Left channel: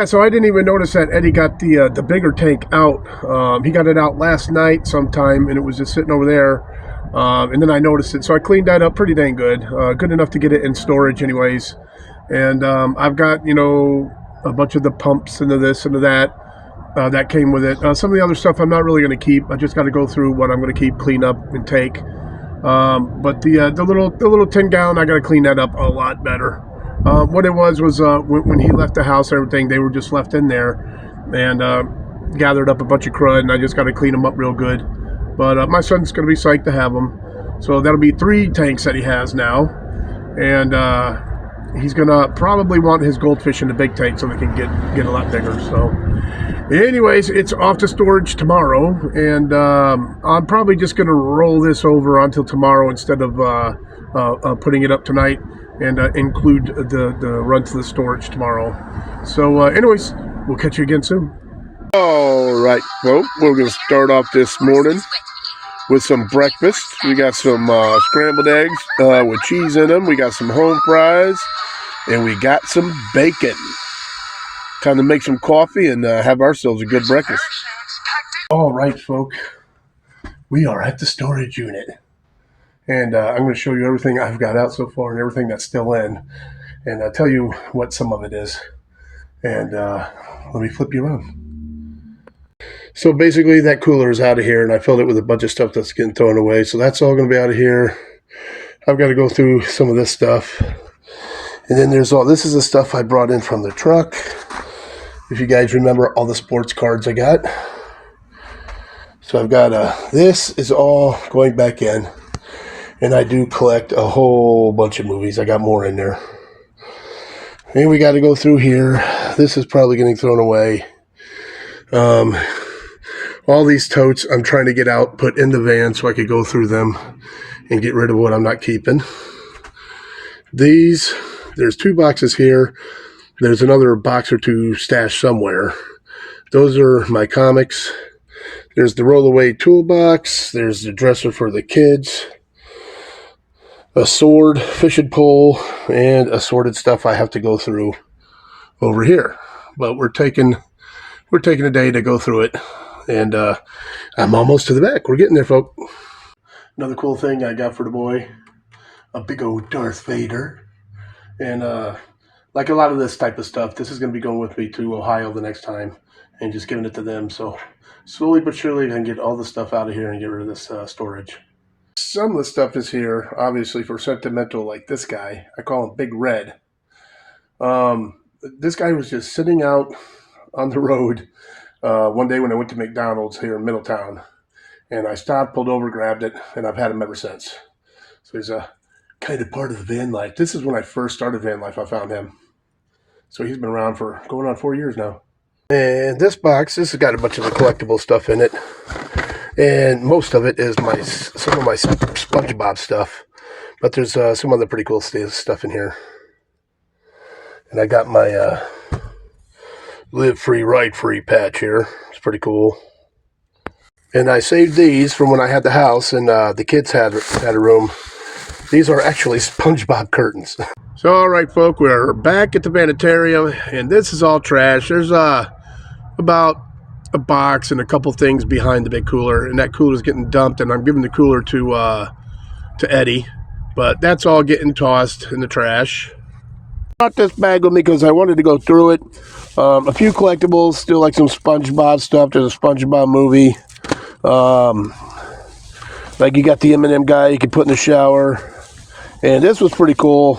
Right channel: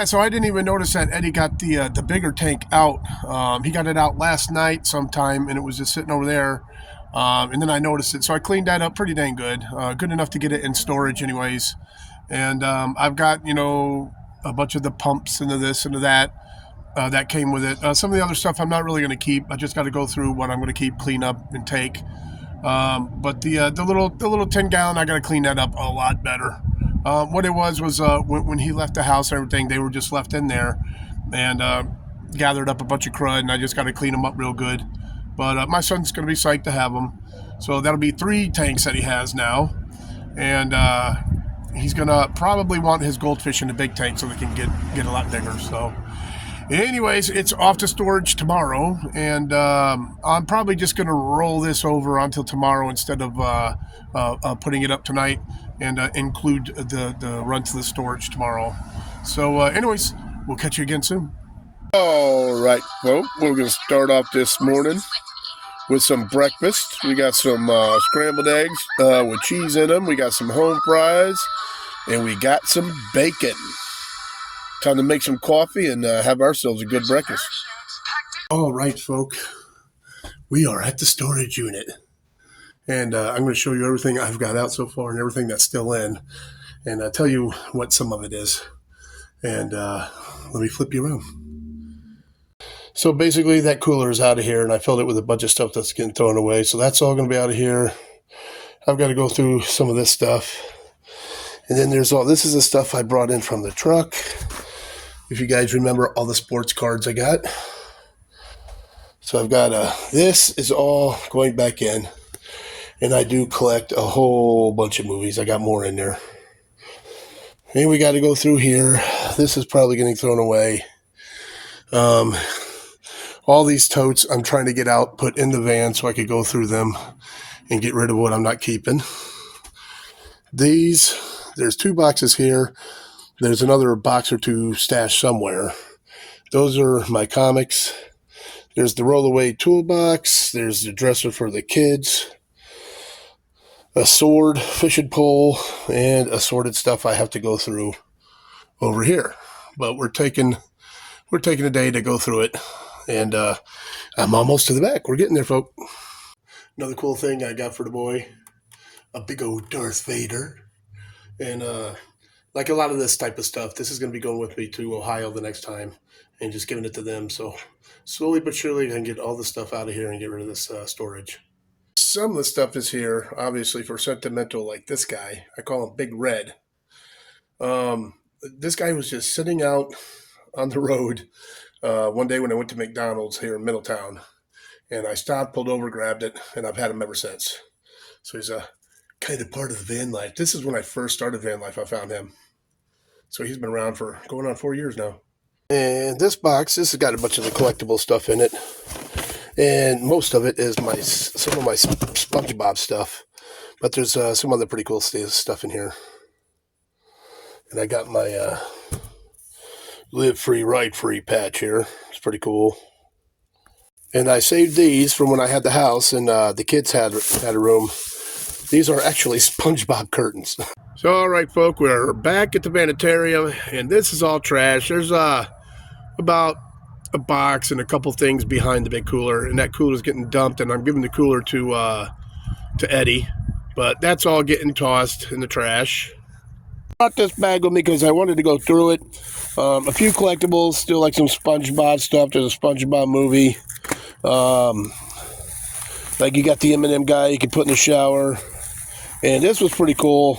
Yeah, so I didn't even notice that Eddie got the bigger tank out. He got it out last night sometime, and it was just sitting over there. And then I noticed it, so I cleaned that up pretty dang good. Good enough to get it in storage, anyways. And I've got a bunch of the pumps into this and to that. That came with it. Some of the other stuff I'm not really going to keep. I just got to go through what I'm going to keep, clean up, and take. But the little 10-gallon, I got to clean that up a lot better. What it was when he left the house and everything, they were just left in there and gathered up a bunch of crud, and I just got to clean them up real good. But my son's going to be psyched to have them. So that'll be 3 tanks that he has now. And he's going to probably want his goldfish in the big tank so they can get a lot bigger. So anyways, it's off to storage tomorrow. And I'm probably just going to roll this over until tomorrow instead of putting it up tonight, and include the run to the storage tomorrow. So anyways, we'll catch you again soon. All right, folks, we're going to start off this morning with some breakfast. We got some scrambled eggs with cheese in them. We got some home fries, and we got some bacon. Time to make some coffee and have ourselves a good breakfast. All right, folks, we are at the storage unit. And I'm going to show you everything I've got out so far and everything that's still in. And I'll tell you what some of it is. And let me flip you around. So basically that cooler is out of here, and I filled it with a bunch of stuff that's getting thrown away. So that's all going to be out of here. I've got to go through some of this stuff. And then this is the stuff I brought in from the truck. If you guys remember all the sports cards I got. So I've got, this is all going back in. And I do collect a whole bunch of movies. I got more in there. And we got to go through here. This is probably getting thrown away. All these totes I'm trying to get out, put in the van so I could go through them and get rid of what I'm not keeping. There's 2 boxes here. There's another box or 2 stashed somewhere. Those are my comics. There's the roll-away toolbox. There's the dresser for the kids. A sword, fishing pole, and assorted stuff I have to go through over here. But we're taking a day to go through it, and I'm almost to the back. We're getting there, folks. Another cool thing I got for the boy, a big old Darth Vader. And like a lot of this type of stuff, this is going to be going with me to Ohio the next time and just giving it to them. So slowly but surely I can get all the stuff out of here and get rid of this storage. Some of the stuff is here, obviously, for sentimental, like this guy. I call him Big Red. This guy was just sitting out on the road one day when I went to McDonald's here in Middletown. And I stopped, pulled over, grabbed it, and I've had him ever since. So he's a kind of part of the van life. This is when I first started van life. I found him. So he's been around for going on 4 years now. And this box, this has got a bunch of the collectible stuff in it. And most of it is some of my SpongeBob stuff. But there's some other pretty cool stuff in here. And I got my Live Free, Ride Free patch here. It's pretty cool. And I saved these from when I had the house and the kids had a room. These are actually SpongeBob curtains. So, all right, folks, we're back at the Vanitarium, and this is all trash. There's about a box and a couple things behind the big cooler, and that cooler is getting dumped, and I'm giving the cooler to Eddie, but that's all getting tossed in the trash. I brought this bag with me because I wanted to go through it. A few collectibles, still like some SpongeBob stuff. There's a SpongeBob movie. Like you got the M&M guy you can put in the shower. And this was pretty cool.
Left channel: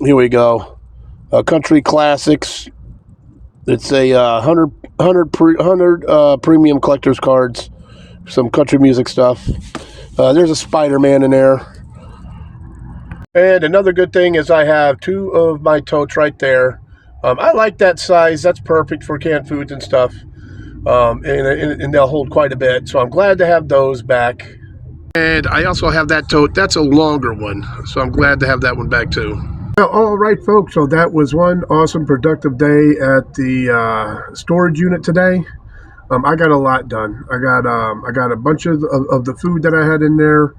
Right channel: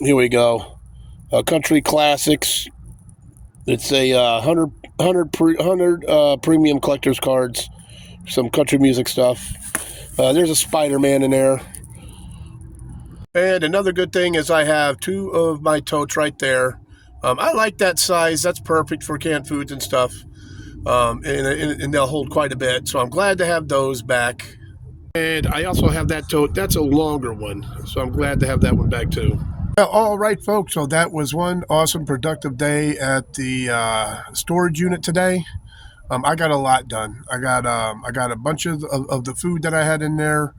Here we go. Country Classics. It's a 100 premium collector's cards. Some country music stuff. There's a Spider-Man in there. And another good thing is I have 2 of my totes right there. I like that size. That's perfect for canned foods and stuff. And they'll hold quite a bit. So I'm glad to have those back. And I also have that tote. That's a longer one. So I'm glad to have that one back too. Well, all right, folks. So that was one awesome productive day at the storage unit today. I got a lot done. I got a bunch of the food that I had in there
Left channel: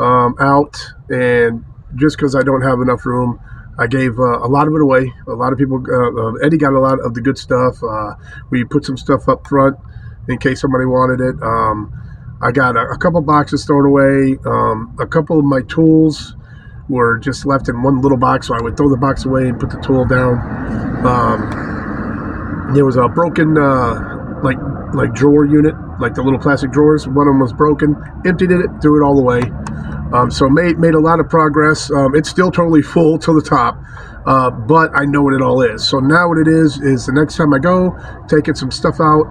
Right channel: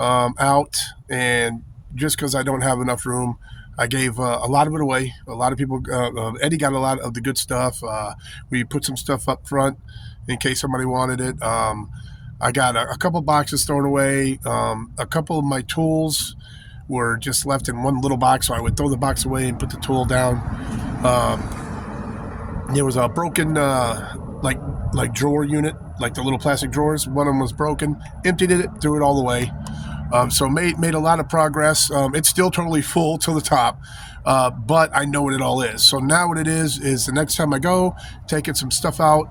out. And just because I don't have enough room, I gave a lot of it away. A lot of people, Eddie got a lot of the good stuff. We put some stuff up front in case somebody wanted it. I got a couple boxes thrown away. A couple of my tools were just left in one little box, so I would throw the box away and put the tool down. There was a broken like drawer unit, like the little plastic drawers. One of them was broken. Emptied it, threw it all away. So made a lot of progress. It's still totally full to the top, but I know what it all is. So now what it is the next time I go, taking some stuff out,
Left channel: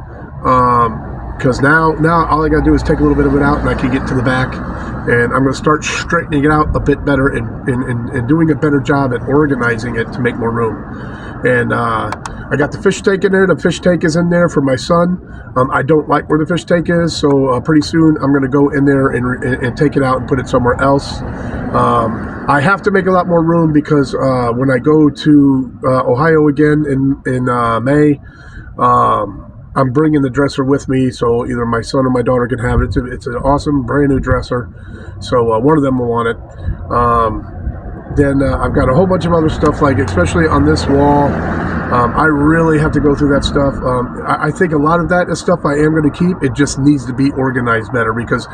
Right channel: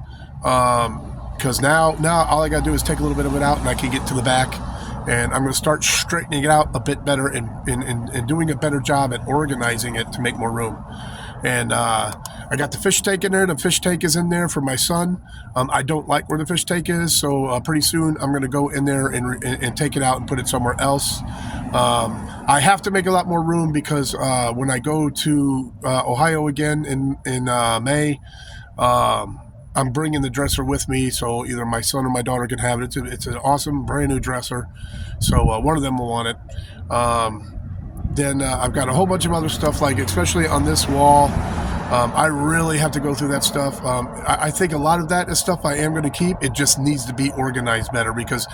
because now all I got to do is take a little bit of it out, and I can get to the back, and I'm going to start straightening it out a bit better and doing a better job at organizing it to make more room. And I got the fish tank in there. The fish tank is in there for my son. I don't like where the fish tank is, so pretty soon I'm going to go in there and take it out and put it somewhere else. I have to make a lot more room because when I go to Ohio again in May, I'm bringing the dresser with me, so either my son or my daughter can have it. It's an awesome brand new dresser, so one of them will want it. Then I've got a whole bunch of other stuff, like especially on this wall. I really have to go through that stuff. I think a lot of that is stuff I am going to keep. It just needs to be organized better, because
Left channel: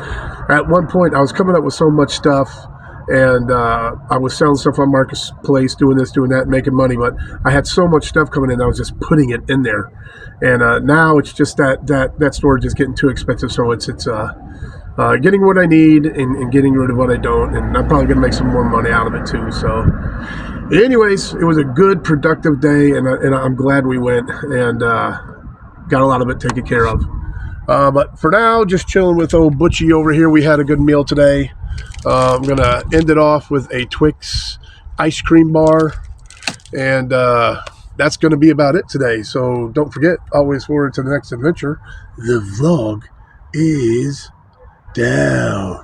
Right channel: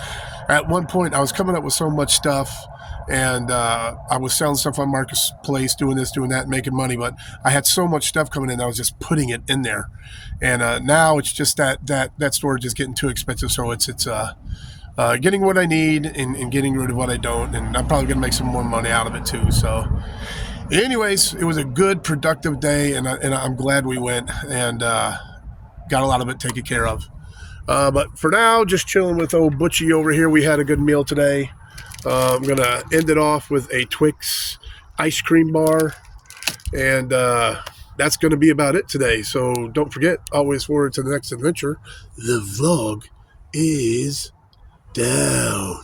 at one point I was coming up with so much stuff, and I was selling stuff on Marketplace, doing this, doing that, making money, but I had so much stuff coming in, I was just putting it in there. And now it's just that storage is getting too expensive, so it's getting what I need and getting rid of what I don't, and I'm probably going to make some more money out of it too. So anyways, it was a good, productive day, and I'm glad we went and got a lot of it taken care of. But for now, just chilling with old Butchie over here. We had a good meal today. I'm going to end it off with a Twix ice cream bar, and that's going to be about it today. So don't forget, always forward to the next adventure. The vlog is down.